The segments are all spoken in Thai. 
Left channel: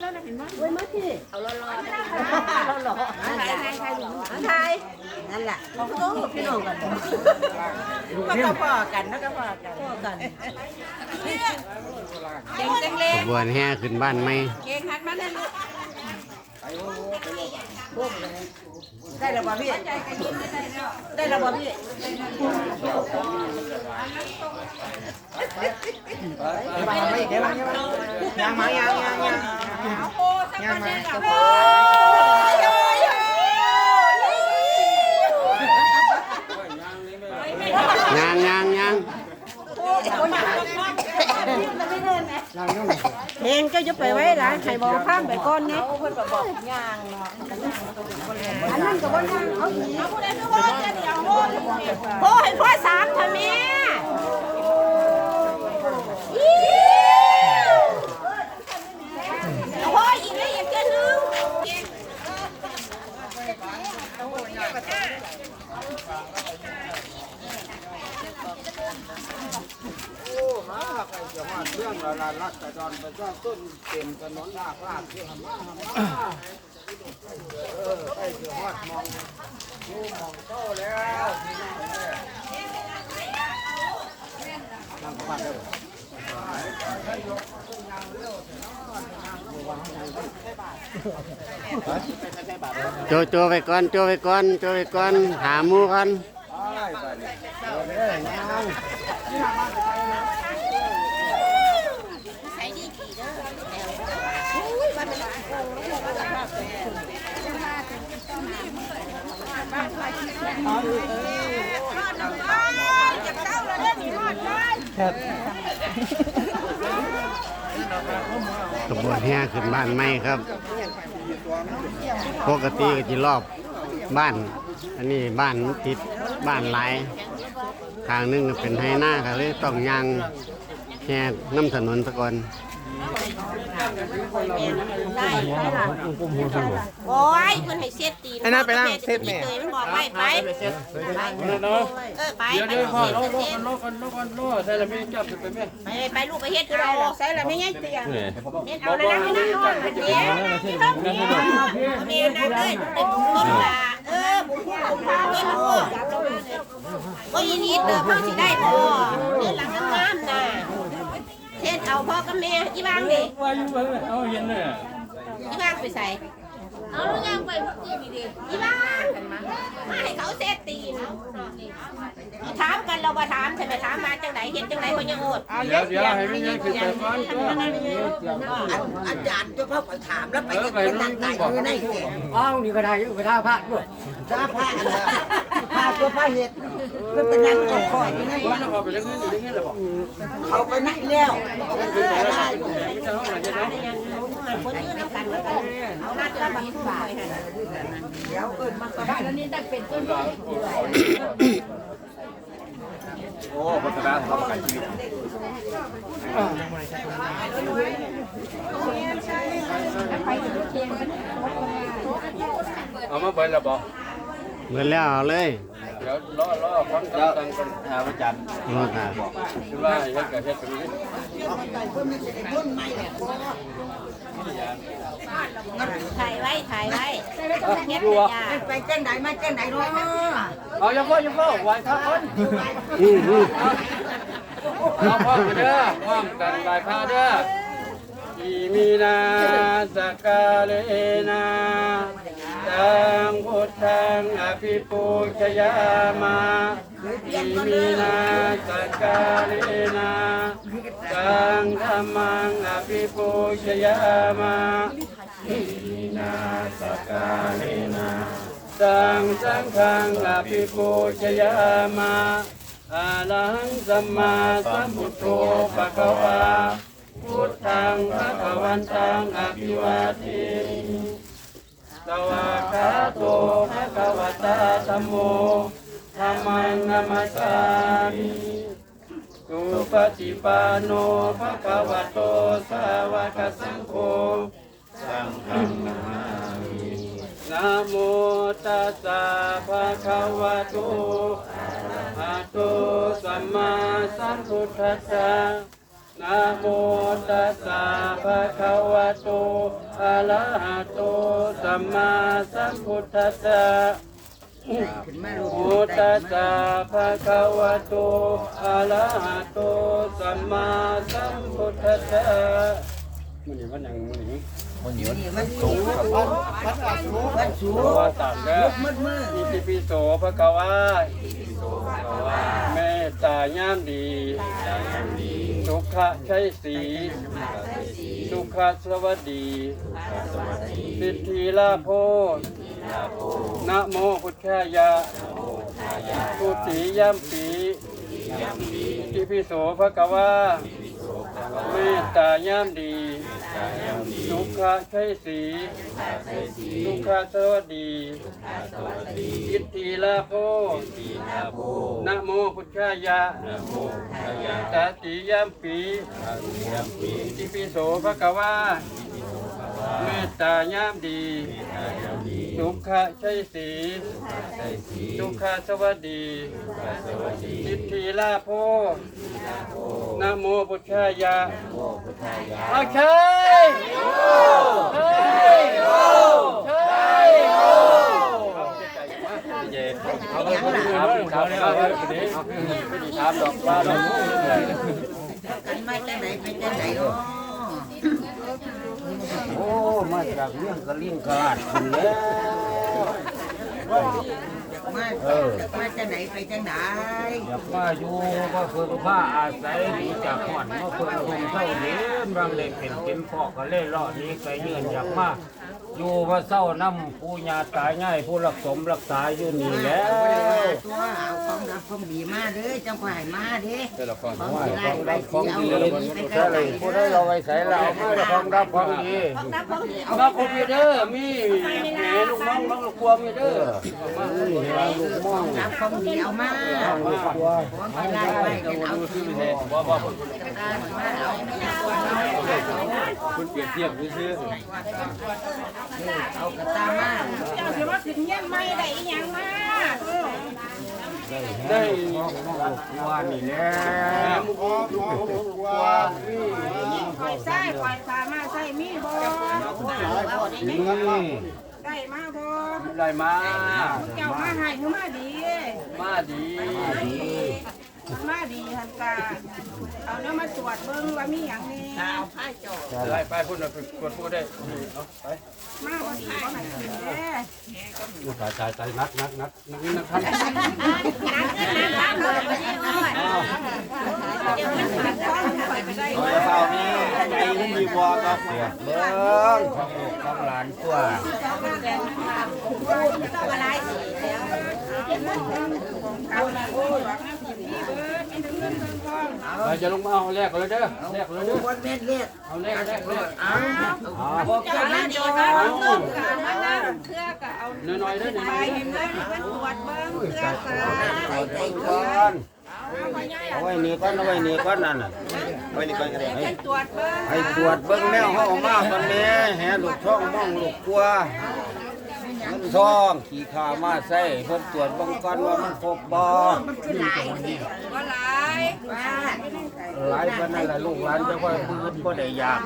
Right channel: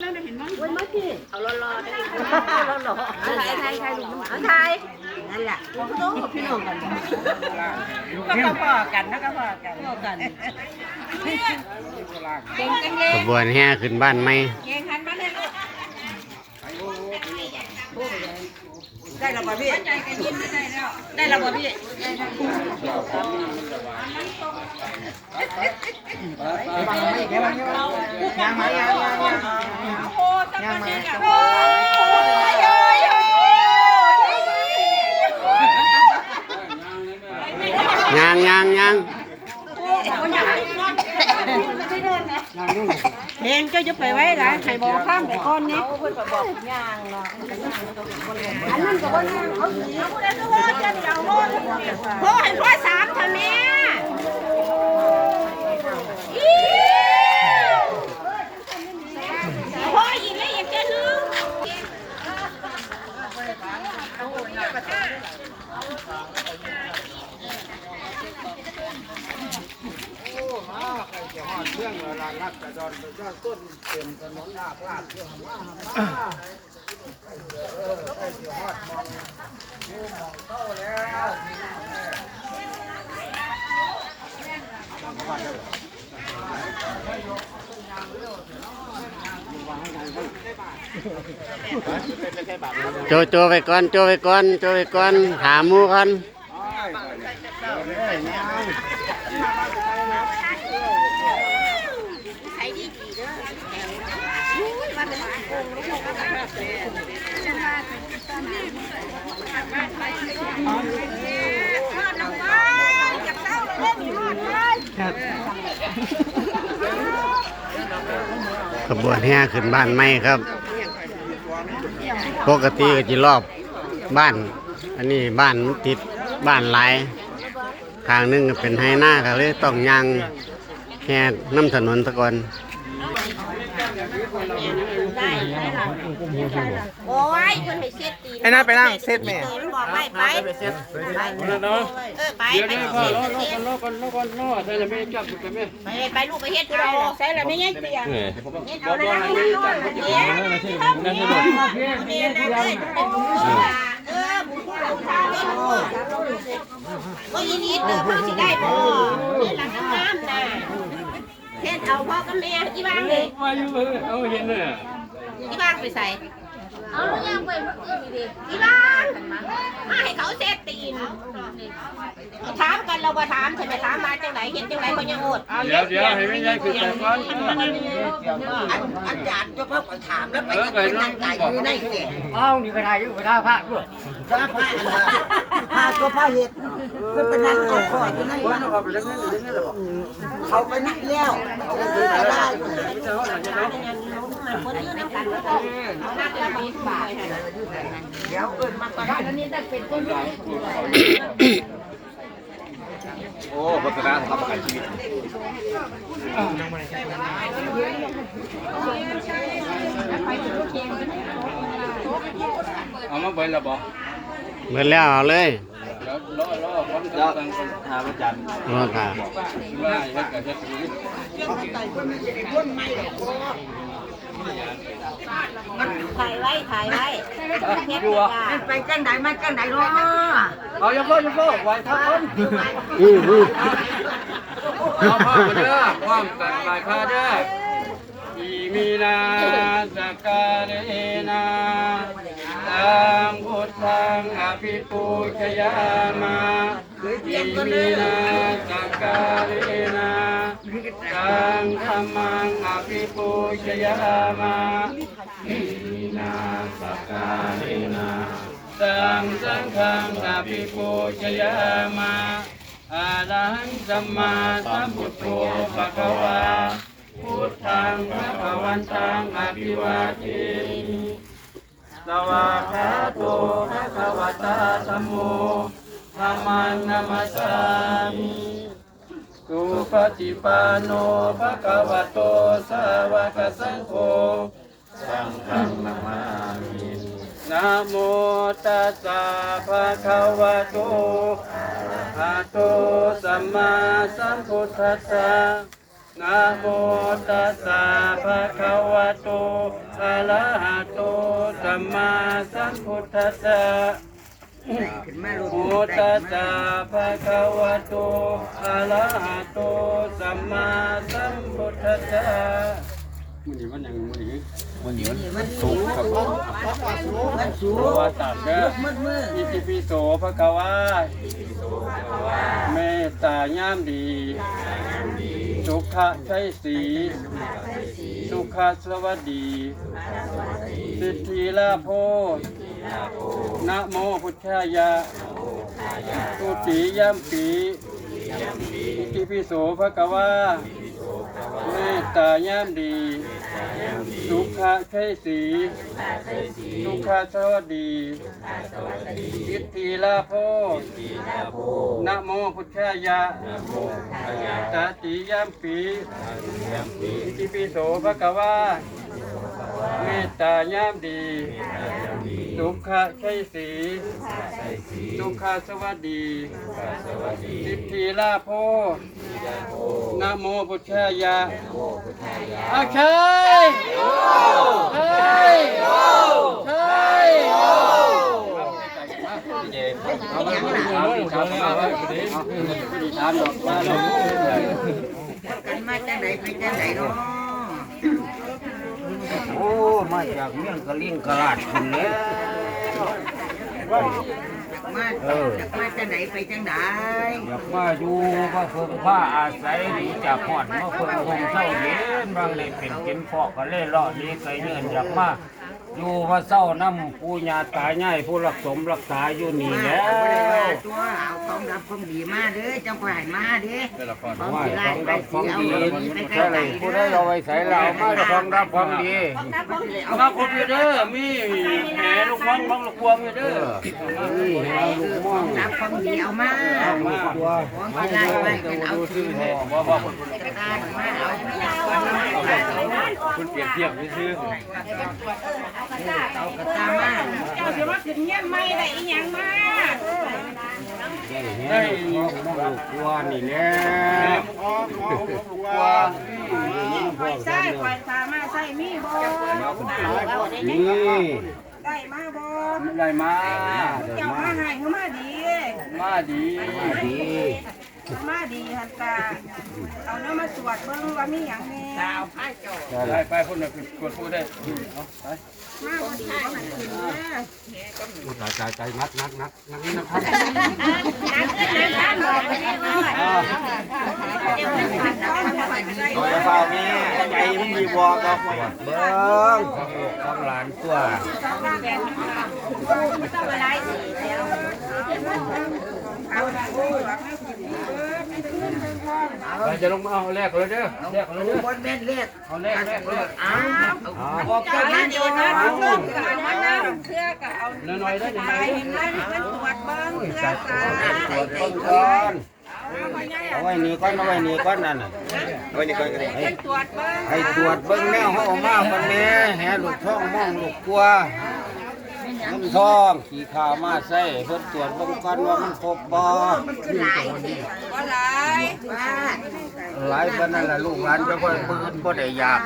เว้ยมาพี่เอาร้อนๆได้ราหล่อเอาไทยไทยไทยลุงอันไทยนั่นแหละเราก็ต้องพี่น้องกันก็กระพอกันนะกระพอกันพ่อกันเก่งจังเลยขบวนแห่ขึ้นบ้านไหมเก่งหันมาเลยลูก ได้แล้วป่ะพี่ใจกันยินไม่ได้แล้วได้แล้วป่ะพี่ยังมายังยังยังโอ้ยังมา จะพอยางยางยางเพลงก็จะไปไว้หลายไข่บอกข้ามไปก่อนเนี่ยเพิ่นบอกยางเนาะอันนั้นก็บ่ยังเอาเอาผู้ใดก็ว่าจะเอาโลดพ่อให้พ่อสามทำแม่พ่ออีกแล้วอยากจะลืม เรื่องเราละ นักแต่ดอนประชาต้นเต็มถนนหน้าพลาดเรื่องมามาเออไปเสียฮอดมองดูมองเต้าแล้วนั่งบ้านเด้อโจโจไปก่อนโจไปก่อนโจไปก่อนหามูก่ อนขบวนแห่ขึ้นบ้านไหมครับ ปกติก็จะรอบบ้าน อันนี้บ้านมันติดบ้านหลายทางหนึงก็เป็นไฮหน้าก็เลยต้องยางแห่น้ำถนนตะกอน โอ้ยเพิ่นให้เช็ดตีนไอ้นั่นไปนั่งเช็ดแม่ เคยมันบอกไว้ไปเออไปไปไปพ่อรอรอกันรอกันรอกันรอแต่ละไม่จับตัวแม่ไปไปลูกไปเฮ็ดกูได้ใส่แล้วไม่ง่ายเตียงเฮ็ดเอาเลยนะเฮ็ดเอาเลยเฮ็ดเอาเมียนะเอ้ยเป็นบุญคุณล่ะเออบุญคุณบุญคุณก็รู้ว่าอีนิดเด้อพ่อสิได้บ่เงินหลังน้ำน่ะเฮ็ดเอาพ่อกับแม่อีบ้างนี่ ว่าอยู่เบิ่งเอาเห็นน่ะ อีบ้างไปใส่เอาลูกยังไปอีบ้างมาให้เขาเซตตีนถามกันเราบ่ถามใช่ไหมถามมาจังไหนเฮ็ดจังไหนเพิ่นยังโอดเดี๋ยวเดี๋ยวให้ไม่ใช่คือแต่ก่อนอาจารย์จะเข้าไปถามแล้วไปเออจะไปเป็นนั่นั่งงบไก่อกอยู่ในเก่งอ้าวนี่ก็ได้อยู่ไปท่าพระด้วยจ้าผ้าอันละผ้าตัวผ้าเห็ดมันเป็นนั่งเอาคอยอยู่ในว่าเราไปเรื่องเงินเรื่องเงินแล้วบอกเขาไปนั่งแล้ว คนยืนน้ำกันแล้วกันเอาหน้าจะบังบาทเดี๋ยวเอิ้นมาก็ได้แล้วนี่ได้เป็นต้นโอ้พัฒนาทำประกันชีวิตเอามาเบิ่งแล้วบอกเมื่อแล้วเอาเลยเดี๋ยวรอรอคนเจ้าหาประจำรอค่ะคือว่าเฮ็ดกันเฮ็ดกันนี้ ถ่ายไว้ถ่ายไว้เฮ็ดจ้าไปจังไหนมาจังไหนเนาะเอาอย่าเพิ่งอย่าเพิ่งไหวพระคนอืออือเอาพ่อมาเด้อความกันไหวพาเด้ออีมีนาสกาเลนา ตังพุทธังอภิปูชยามาอีมีนาสกกาเลนาตังธรรมังอภิปูชยามาอีมีนาสกกาเลนาตังสังฆังอภิปูชยามาอาลังสัมมาสัมพุทโธภะคะวาพุทธังพระวันตังอภิวาทิ สวากขาโตพระคะวตาธัมโมธรรมังนัมสสามิสุปฏิปันโนภะคะวะโตสาวกสังโฆสังฆังนามินะโมตัสสะภะคะวะโตอะระหะโตสัมมาสัมพุทธัสสะ นะนะโมตัสสะภะคะวะโตอะระหะโตสัมมาสัมพุทธัสสะนะโมตัสสะภะคะวะโตอะระหะโตสัมมาสัมพุทธัสสะมันนี่มันยังมันนี่วันนี้มันสูงครับสูวาตัสเด้ออิติปิโสภะคะวะเมตตายามดี สุขะใช้สี สุขะสวัสดีสิทธิลาโพนะโมพุทธายะตุติยัมปีอิติปิโสภะกวาเมตตายามดี สุขะใช้สีสุขะสวัสดีสิทธิลาโพนะโมพุทธายะตติยัมปีอิติปิโสภะคะวะเมตตายามดี สุขะใช้สีสุขะสวัสดีสิทธิลาโพนะโมพุทธายะโอเคเฮ้ยเฮ้ยเอาไปเอาไปเอาไปเอาไปถามดอกว่าดอกมาจังไหนไปจังไหนเนาะโอ้ มาจากเมืองกะลิงกะลาดคนแล้ว มามาจังไหนไปจังไหนอยากมาอยู่ก็เพิ่งผ้าอาศัยดีจากหอดมาเพิ่งคงเศร้าเย็นบางเลยเป็นเก็นพอกก็เล่ร่อนี้ไกลเนื่นอยากมา อยู่มาเศร้าน้ำผู้ญาตายง่ายผู้รักสมรักษาอยู่นี่แล้วตัวเอาของรับของดีมาเด้อจังหวะมาเด้อของว่าสิไล่ของรับของดีใช่เลยผู้ได้เราไว้ใส่เรามาแต่ของรับของดีมาครบอยู่เด้อมีแหนลูกมองลูกลูกพวงอยู่เด้อนี่เราลูกม่วงรับของดีเอามามาตัวของมด้ไปเอาซื้อามาเอา คุณเปรียบเทียบซื้อเอากระตามาเจ้าจะมาขึ้นเงี้ยไม่ได้อีหยังมาได้ลูกตัวนี่แน่คอยใส่คอยสามารถใส่มีบ่นี่ได้มาบ่ไรมา เจ้ามาให้เขามาดีมาดีดี มาดีฮันตาเอาเนื้อมาตรวจเบิ่งว่ามีหยังแน่เอาไผ่จอไปไปพุ่นไปกดพูดได้เอาไปมาบ่ไผ่มันแน่ใจใจใจนัดนัดนัดนัดนี่นะครับโดยเฉพาะนี่ใจมันมีวอก็เบิ้งของลูกของหลานตัวไป จะลงมาเอาแรกเลยเด้อแรกเลยเด้อคนแม่นเลือดเอาแรกแรกเลยเอาบอกเจ้านั่นอยู่นะเรื่องการมานั่งเครือก็เอาหน่อยได้ไปเห็นไหมมันตรวจเบิ่งเครือสาตรวจเบิ้งก่อนเอาไว้นี่ก่อนเอาไว้นี่ก่อนนั่นน่ะไว้นี่ก่อนก็ได้ให้ตรวจเบิ่งให้ตรวจเบิ้งแนวเขาเออกมาคนแม่แห่ลูกท้องมองลูกกลัวน้ำท้องขี่ขาวมาใส่เพิ่นตรวจเบิ้งก่อนว่ามันครบบ่หลายสิว่าหลายว่า หลายปานนั้นล่ะลูกหลานจะว่าเพิ่นบ่ได้อยาก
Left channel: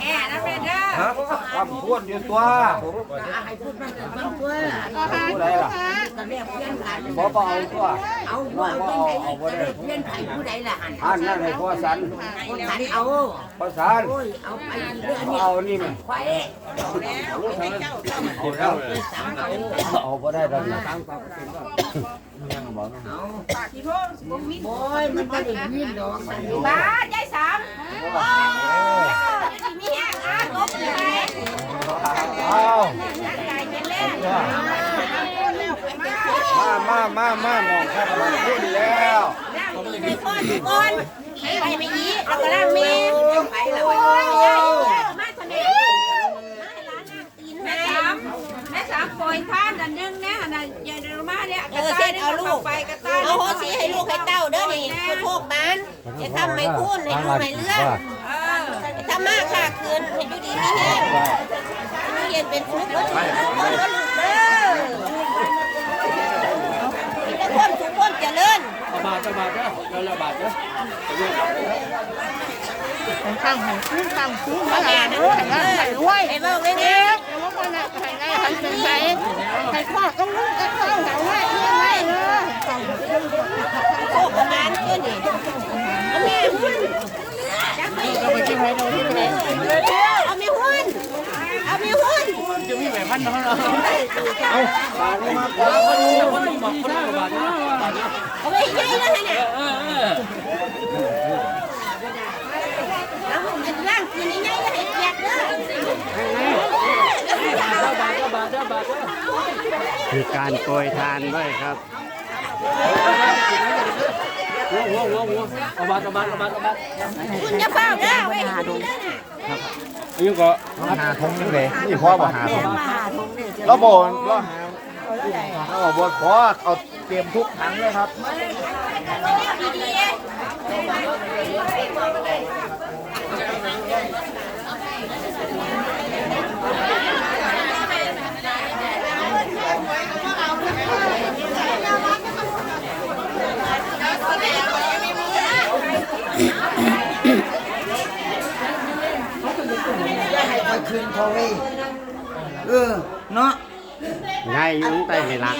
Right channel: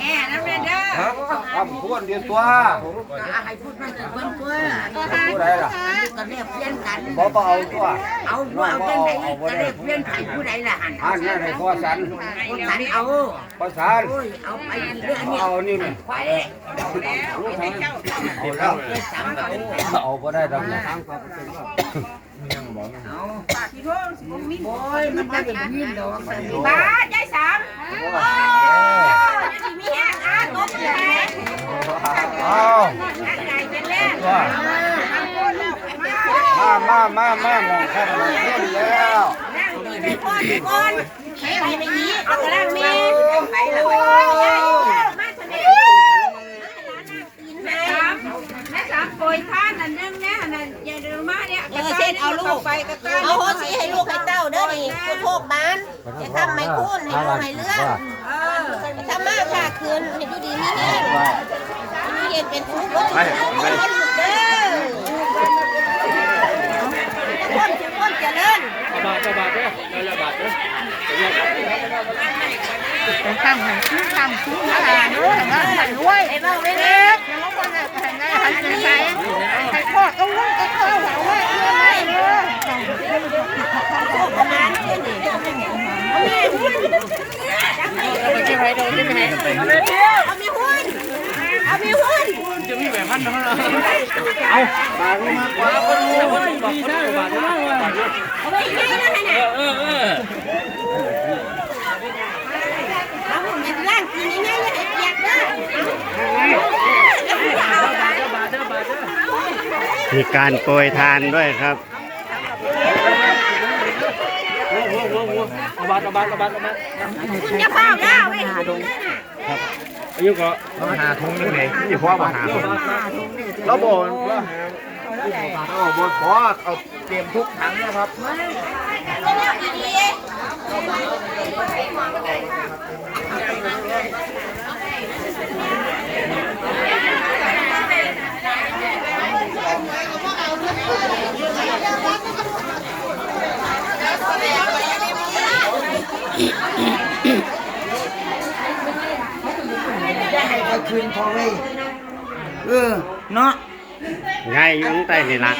แอ่นะแม่เด้อคำพูดเดียวตัวให้พูดมันเบิ่งตัวผู้ใดล่ะก็เรียกเพี้ยนกันบ่บ่เอาตัวเอาว่าเป็นไผจะเรียกเพี้ยนไผผู้ใดล่ะหันอันนั้นให้พ่อสันคนสันเอาพ่อสันโอ้ยเอาไปเรื่องนี้เอานี่แม่ไข่เอาแล้วสามเอาเอาบ่ได้ดอกนะ เอาที่โพงบ่มีโอ้ยมันบ่ได้ยินดอกบ้ายายสามโอ้ยมีแฮกอะตบเลยเอานั่งไก่เป็นแรกว่าพูดแล้วมามามามามาน้องครับมาขึ้นแล้วนั่งเป็นพ่อทุกคนไปไปยีแล้วก็ล่างเมย์ไปเลยยายมาคนเดียวแม่สามแม่สามโกยท่า ออเส้นเอาลูก ไปกระต้าเอาโหสีให้ลูกให้เต้าเด้อนี่คือโทกบ้านให้ทำไม่คุ้นให้ลูกให้เลื่อนให้ทำมากค่ะคืนให้ดูดีนี่แน่มีเห็นเป็นทุกข์ก็ทุกข์คนก็ลูกเด้อทุกคนทุกคนเจริญบาทบาทเด้อระบาดเด้อข้างไหนคู่ข้างคู่ข้างไหนเออข้างไหนรวยไอ้เบ้าไม่เล็กแล้วก็เนี่ยแข่งไงใครจะใช้ใครพ่อก็รวยก็เข้าหัวรว ยรวยไม่เลยโคกประมาณนี้นี่เอาแม่หุ้นจักไปเอาไปที่ไหนเอาที่ไหนเอาไปเที่ยวเอาแม่หุ้นเอาแม่หุ้นจะมีแบบมันเอาเอาไปให้ได้แล้วนะเอาไอ้ร่างกินยังไงเลยเกียดเด้อเอาไปมีการโปรยทานด้วยครับ เอาบาทเอาบาทเอาบาทเอาบาทอย่าเฝ้าเด้อไว้หาดงนี่ก็หาทงยังไงนี่พ่อบอกหาทงเราบอกเราบอกขอเอาเตรียมทุกถังเลยครับเจะให้ไปคืนของเลยเออ เนาะง่ายอยู่ตั้งแต่นี่ละ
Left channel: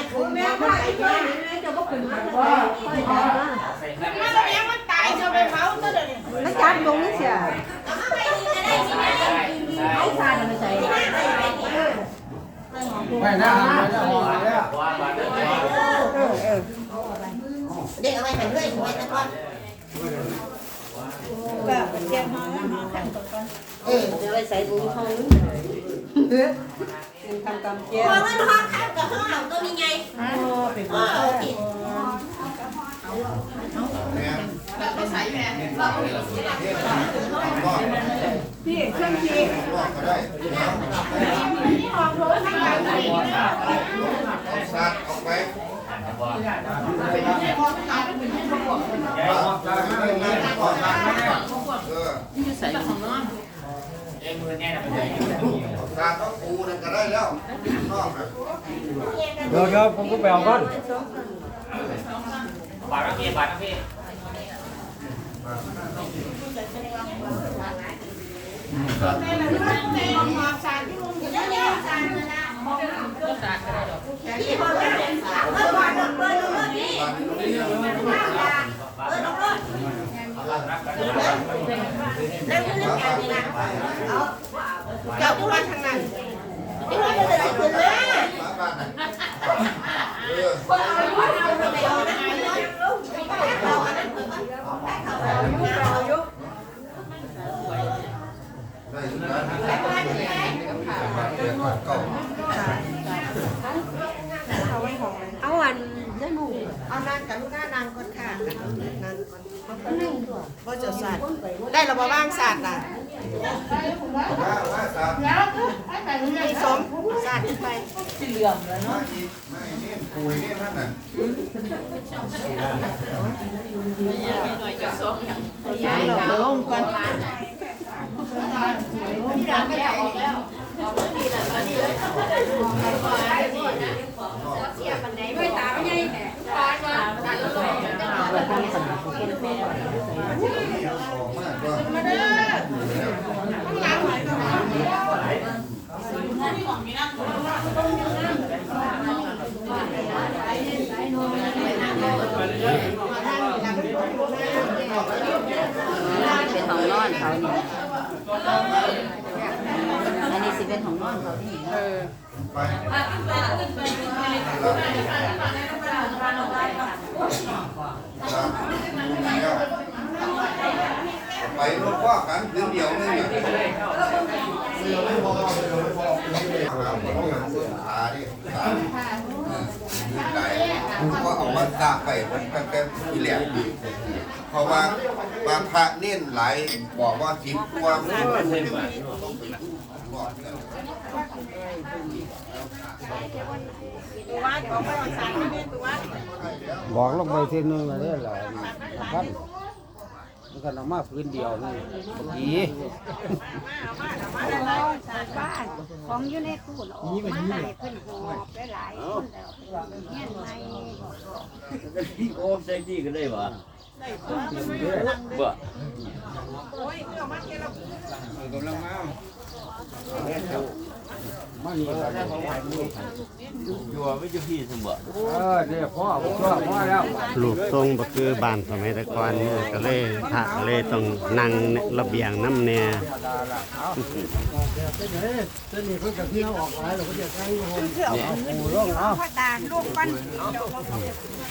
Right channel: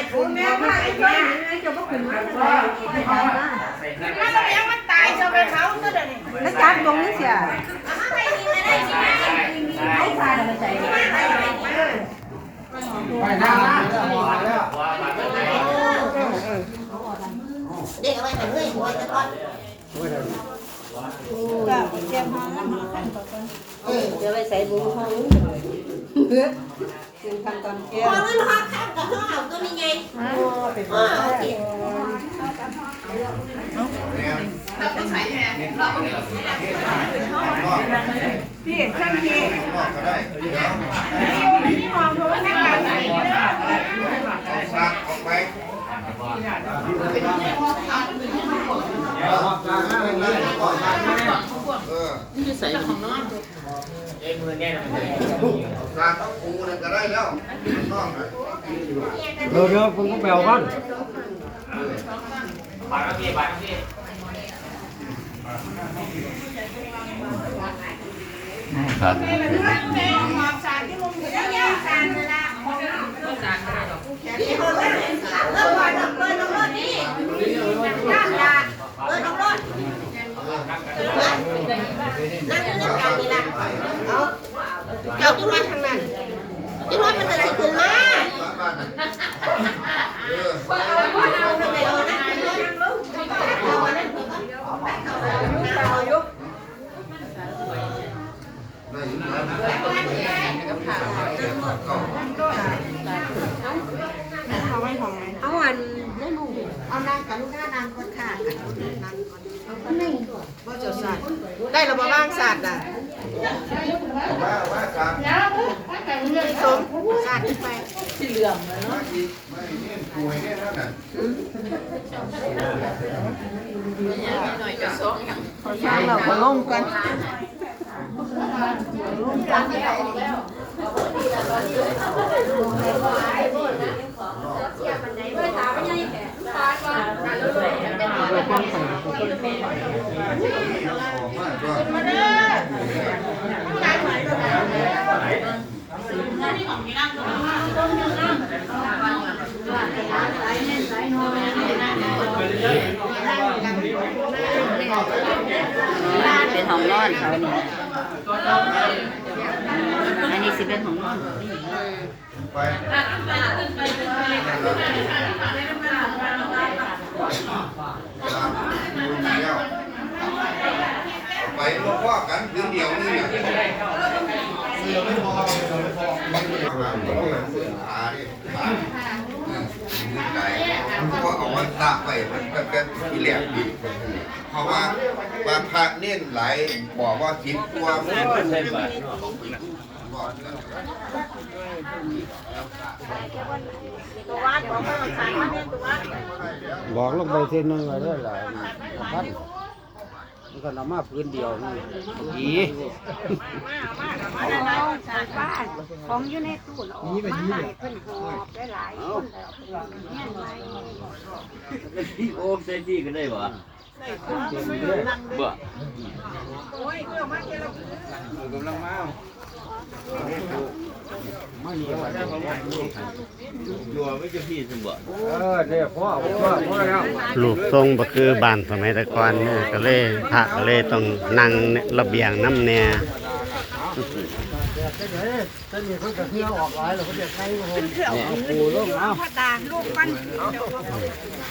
แล้วจับตรงนี้เสีย เด็กเอาไปให้เรื่อยหัวจะก่อนก็เตรียมมาเดี๋ยวไปใส่บุญของเป็นทำกรรมแก้พอเงินหอข้าวกับข้าวก็มีไงอ๋อโอเคพี่เครื่องพี่สัตว์ออกไป เออสัตว์ต้องปูนั่นก็ได้แล้วน้องน่ะเดี๋ยวเดี๋ยวผมก็แปลก่อนพี่ค นละเลิกก่อนเลิกเลิกนี่เลิกรถนั่งอยู่ในการนี่นะเอาเจ้าจุ้ยทางนั้นจุ้ยมันจะสิขึ้นมาบ้านน่ะเออไปเอานะเอาอันนั้นได้อยู่บ้านน่ะเก็บ เก่าเอาอันนั่นหนูเอานางกันก้านางคนขากันนางบ่จดสัตว์ได้ระบบ้างสัตว์น่ะว่าว่าสัตว์สองสัตว์ไปมาอีกไม่นี่ป่วยนี่ท่านน่ะเราลงกัน ออกมาก็เป็นของนอนเขาเนี่ยอันนี้ สิเป็นของนอนเขานี่ไปไป ไปลูกพ่อกันเพียงเดียวนึงเนี่ยเสือไม่พอเสือไม่พอเสือขาดิตาใจเพราะเอามาตาไปมันเป็นอีแหลมดีเพราะว่าว่าพระเน้นหลบอกว่าสิบตัวไม่บาทตัววัดบอกว่าเราสัตว์มาเนี่ยตัววัดบอกลงไปทีนึงเลยล่ะพัน มันก็นำมาพื้นเดียวนี่ผีของอยู่ในตู้เนาะนี่เป็นนี่เลยได้หลายโอ้เซนดี้ก็ได้บ่ บ่เออเนี่ยพ่อพ่อพ่อแล้วรูปทรงบ่คือบ้านสมัยแตะก่อนเนี่ยก็เลยพระก็เลยต้องนั่งระเบียงน้ำแน่พ่อตาลูกปั้น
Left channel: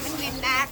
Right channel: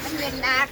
มันเป็นดัก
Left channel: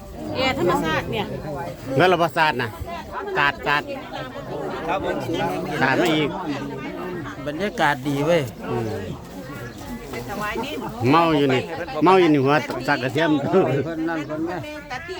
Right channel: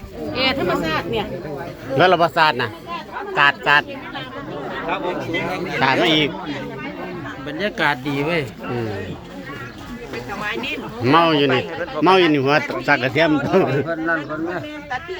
ธรรมชาติเนี่ยแล้วระบาศาสตร์นะกาดกาดกาดมาอีก บรรยากาศดีเว้ยอืมเมาอยู่นี่ เมาอยู่นี่หัวสักกระเทียมเพิ่นนั่นเพิ่นแม่ตะที